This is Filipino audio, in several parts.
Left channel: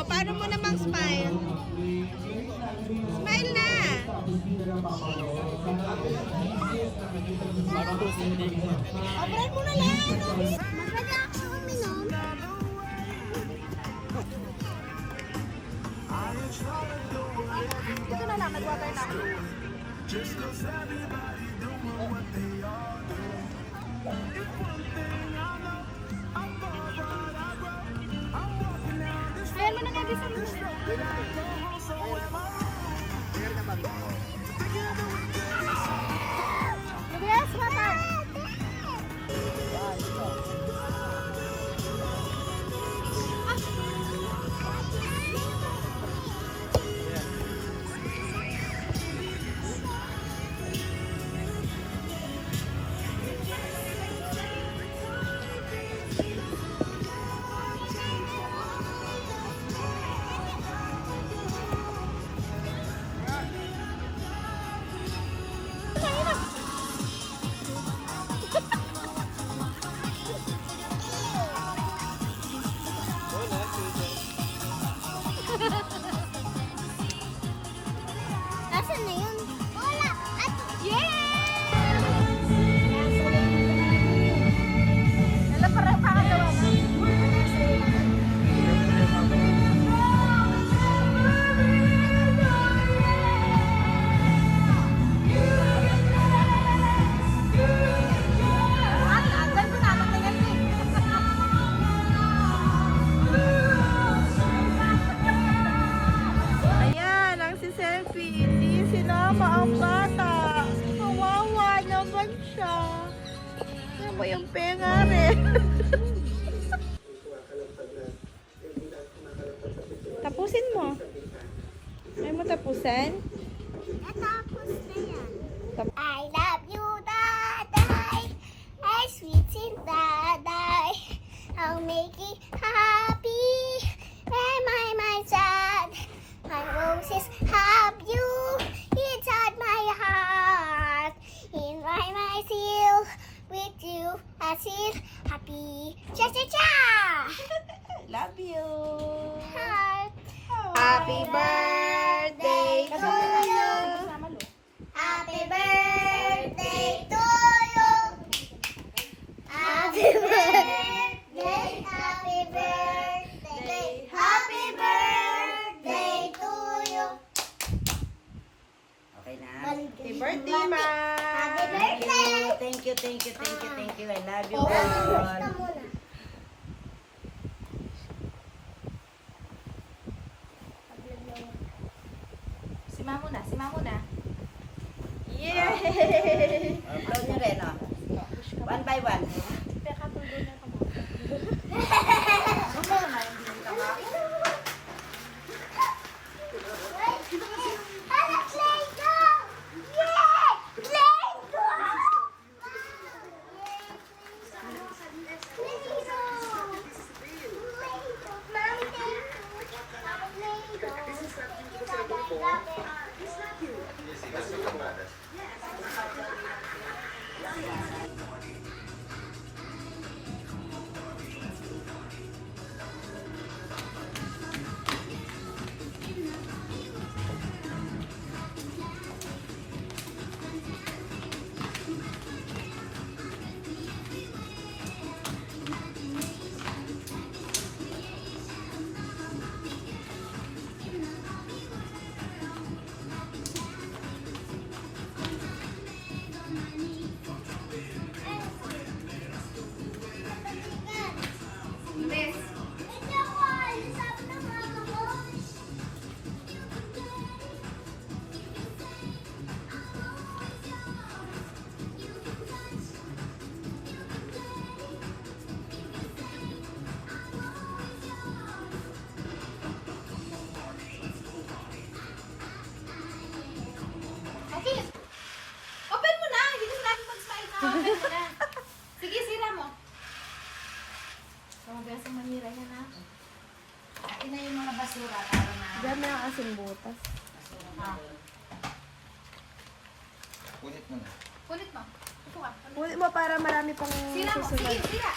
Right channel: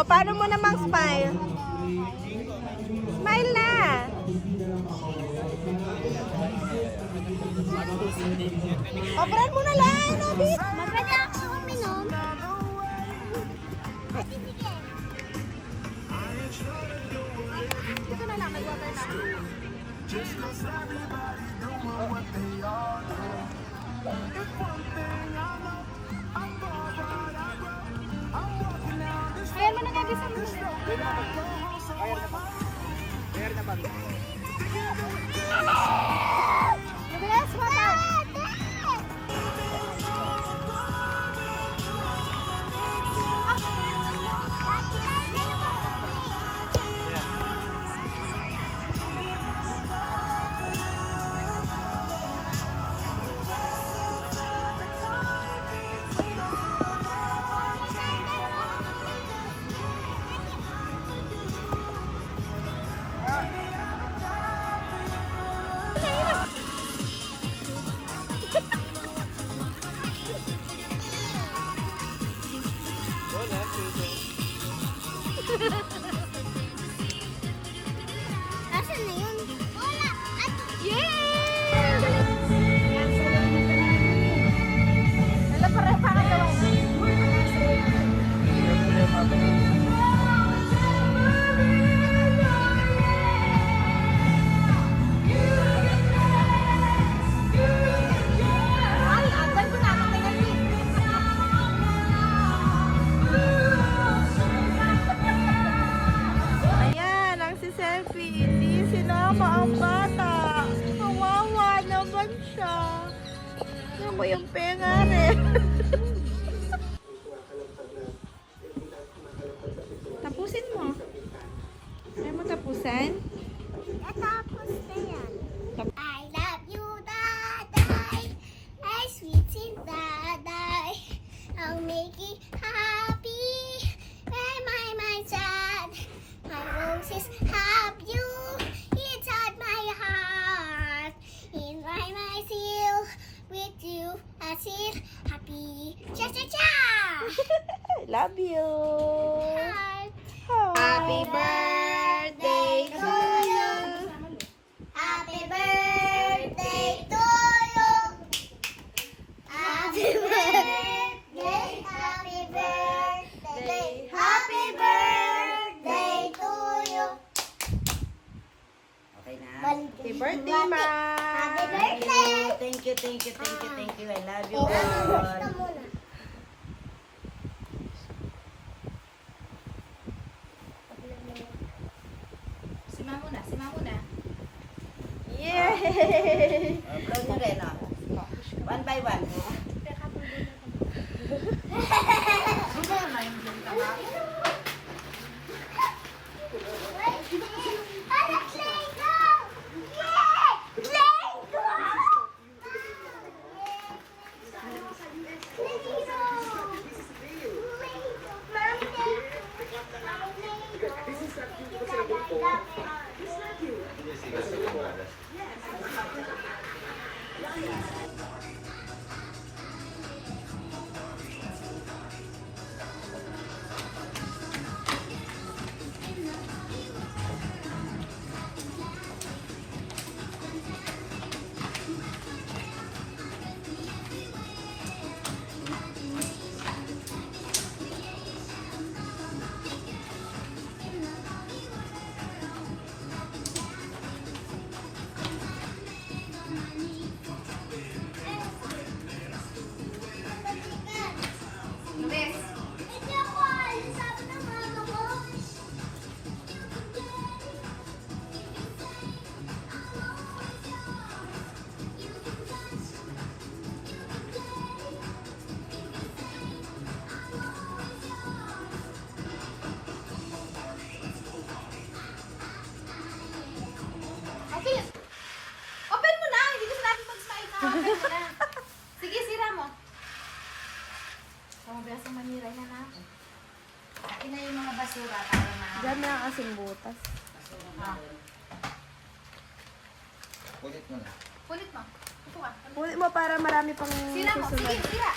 O, paano mo namang smile? Smile na! Obran mo na lang, Robby! Maganda ako uminom. Dito na lang, nag-water na. Ayan mo na nga, bisa mo. Yes, water! Asan na yun? Wala. At Ayan, ang si selfie. Hindi sinama ang bata. Kawawa naman siya. Ano yung penga rin? Tapusin mo. Ay mo tapusan? natapos na yan. Tap- I love you, Daday. Ay, sweet sin Daday. I'll make you happy. Am I my sad? My roses have you inside my heart. In my seal with you, I feel happy. Cha cha cha! Love you. Heart. Happy birthday to you. Happy birthday to you. Happy birthday, happy birthday, happy birthday to you. Okay na. Happy birthday, ma. Happy Thank birthday. you, thank you, thank you, thank you, thank you. I love you Ito all. muna. Simango na. Yay! Upload nyo rin, oh. One by one. Alex, let's go! Yeah! Let's go! Okay. Open mo na. Hindi kasi natin mag-smile na. Open mo na. Sige, sira mo. So, biasa manira na natin. Akin na yung mga basura para na. Diyan na kasing butas. Ulit mo na. Kulit mo. Ito ka. Ulit mo para marami pang Sira mo. Sige, susunod. sira.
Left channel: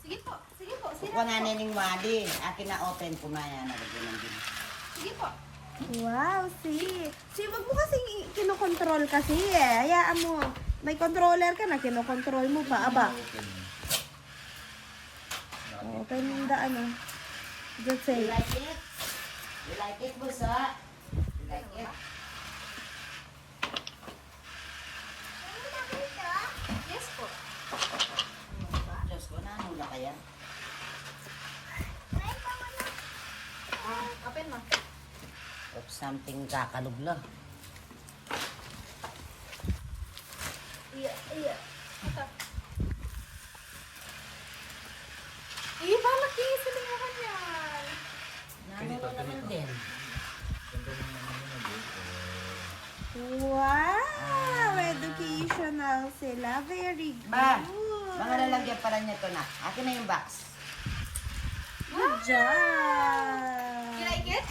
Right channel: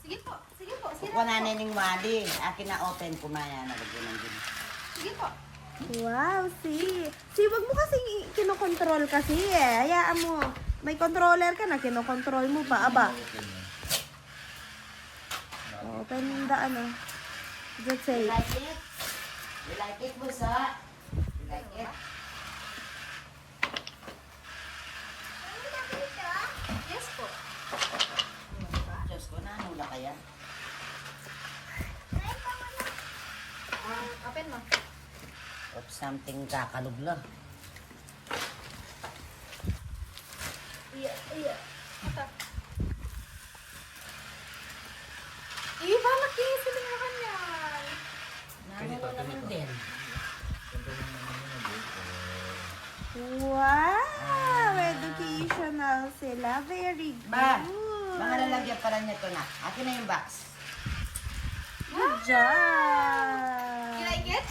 Sige po. Sige po. Kuha na ning wali. Akin na open kumaya na lagyan ng din. Sige po. Wow, si wag mo kasi kinokontrol kasi eh. Hayaan mo. May controller ka na, kinokontrol mo pa. Aba. Open the ano. Just say. You like it? You like it, busa? You like it? Yes po. Diyos ko na, hula kaya. Open mo. Of something kakalugla. Iya. Ito. Iba, makinis sila nga kanyan. Nanulo naman din. Wow! Educational sila. Very good. Ba, baka lalagyan pala niya ito na. Akin na yung box. Good job! You like it?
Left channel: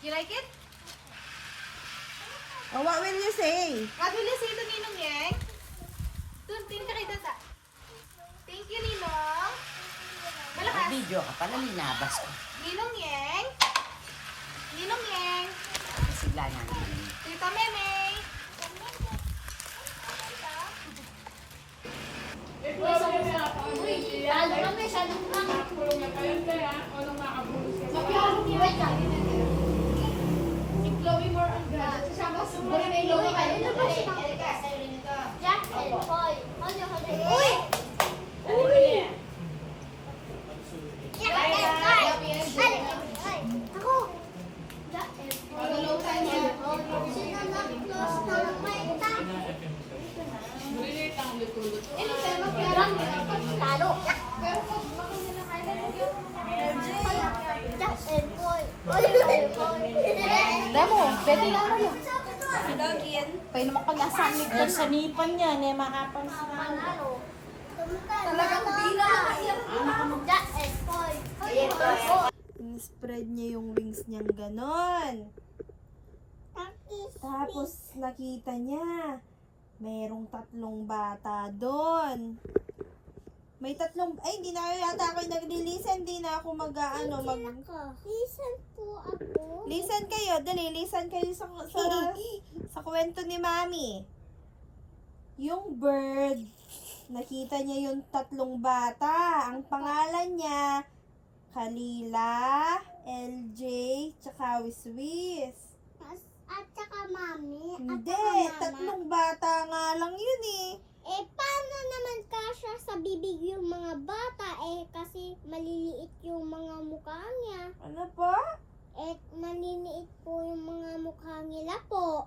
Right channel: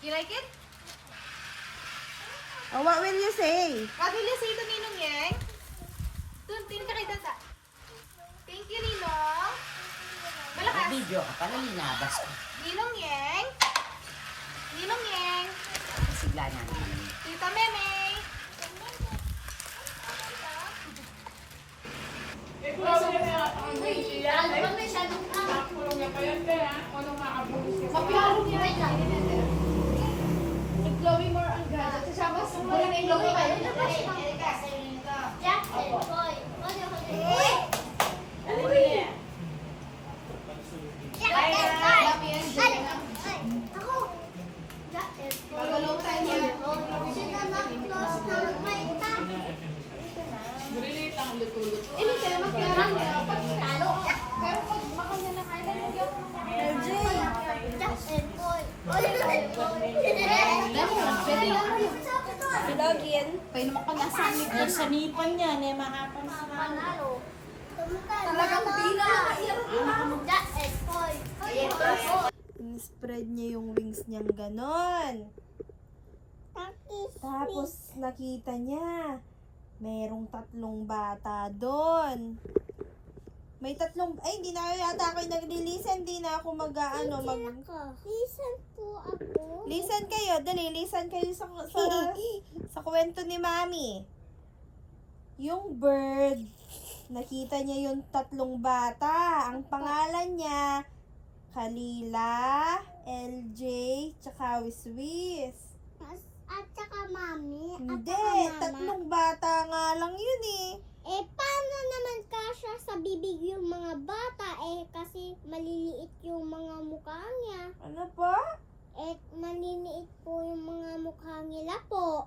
You like it? Oh, what will you say? What will you say to Ninong Yang? Tingin ka kay Tata. Thank you, Ninong. Malakas. Video ka pala, linabas ko. Ninong Yang. Ninong Yang. Sigla niya. Tita Meme. Jack and Boy. Hold on. Jack and Boy. Ako. Jack and Boy. Sino na close na magmaita? Ini saya magkaroon. Talo. Jack and Boy. Damo, pwede na kayo. Login. Pwede naman pag-asamit ko sa nipan niya. Mahapang Panalo. Talagang bila. Jack and Boy. In-spread niya yung wings niyang ganon. Tapos nakita niya, merong 3 bata doon. May 3, ay hindi na yata ako nagli-listen, hindi na ako Listen po ako. Listen kayo, dali, listen kayo sa kwento ni Mami. Yung bird, nakita niya yung 3 bata. Ang pangalan niya, Kalila, LJ, tsaka Wiswis. At saka mami. Hindi, 3 bata nga lang yun eh. Eh, paano naman kasya sa bibig yung mga bata? Eh, kasi maliliit yung mga mukha niya. Ano po? Eh, maliliit po yung mga mukha nila po.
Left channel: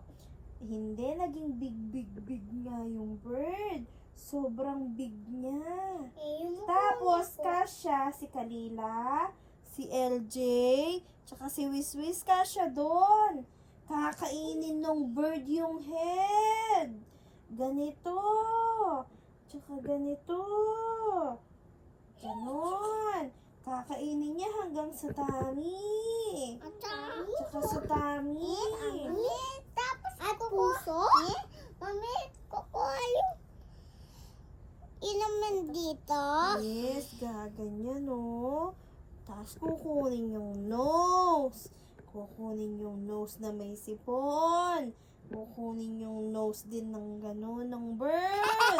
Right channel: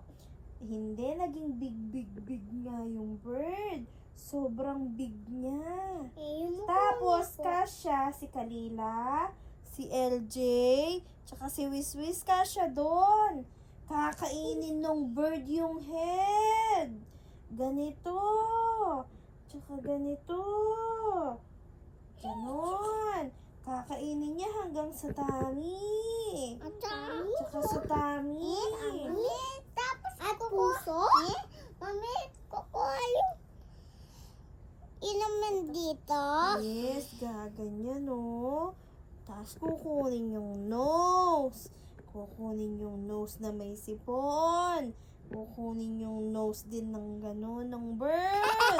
Hindi, naging big nga yung bird. Sobrang big niya. Eh, yung mukha Tapos, niya po. kasya si Kalila, si LJ, tsaka si Wiswis kasya doon. Kakainin ng bird yung head. Ganito. Tsaka ganito. Ganon. Kakainin niya hanggang sa tummy. At saka, Tsaka sa tummy. tapos at puso? Mami, kukuha yung inumin dito. Yes, gaganyan no. Tapos kukunin yung nose. Kukunin yung nose na may sipon. Kukunin yung nose din ng gano'n ng bird.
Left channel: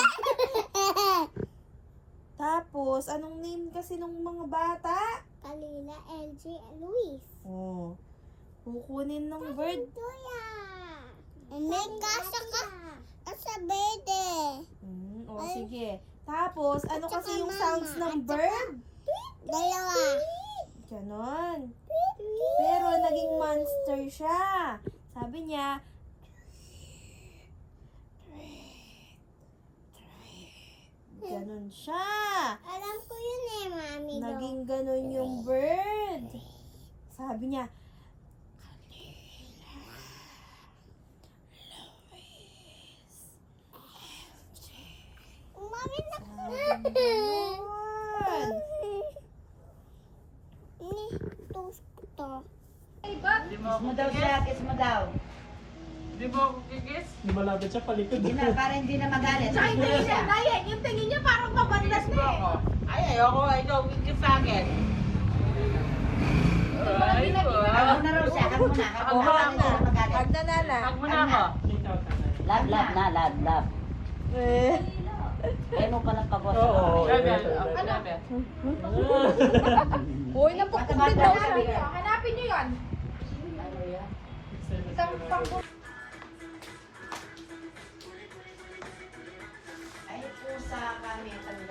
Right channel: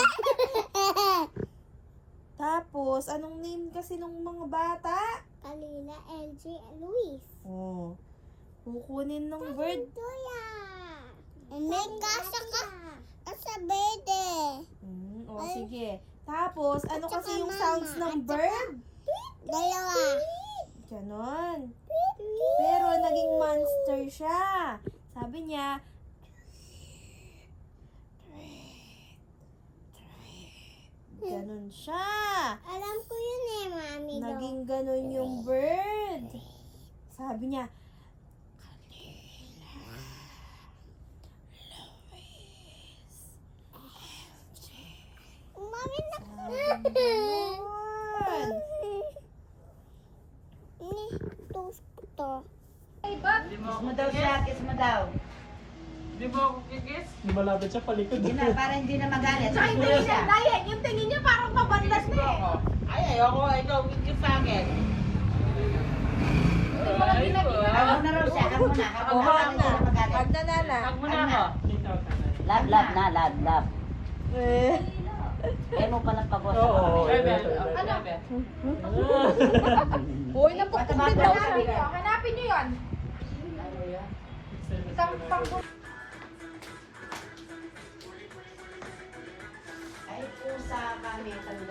Tapos, anong name kasi ng mga bata? Kalila, LJ, and Luis. Oh. Kukunin ng bird. Tuya. May kasa ka. Sa bede. O, sige. Tapos, ano At kasi saka yung mama, sounds ng at saka- bird? Dalawa. Ganon. Pero naging monster siya. Sabi niya, ganon siya. Alam ko yun eh, mami. Naging ganon yung bird. Sabi niya, Mami, ganon. Ni, toast ko to. Mo daw siya, kiss mo daw. Di mo ako kikis? Di malapit siya palikod. Hindi na, para hindi na magalit. Ay, Hindi dahil siya. yan, yung tingin niya parang mabandas Kikis na ba eh. ako? Ay, ayoko. Ikaw, kiss sa akin. Ay, Hag mo na raw siya, hag mo na. Hag mo na, hindi na magalit. Hag na nana. Hag mo na ako. Love na, love. Eh. Kaya mo palang pag-usap. Oo. Ano? Uy, napagpapit. Hanapin niyo yun. Tampang ko. Kahit kung sa kami, kung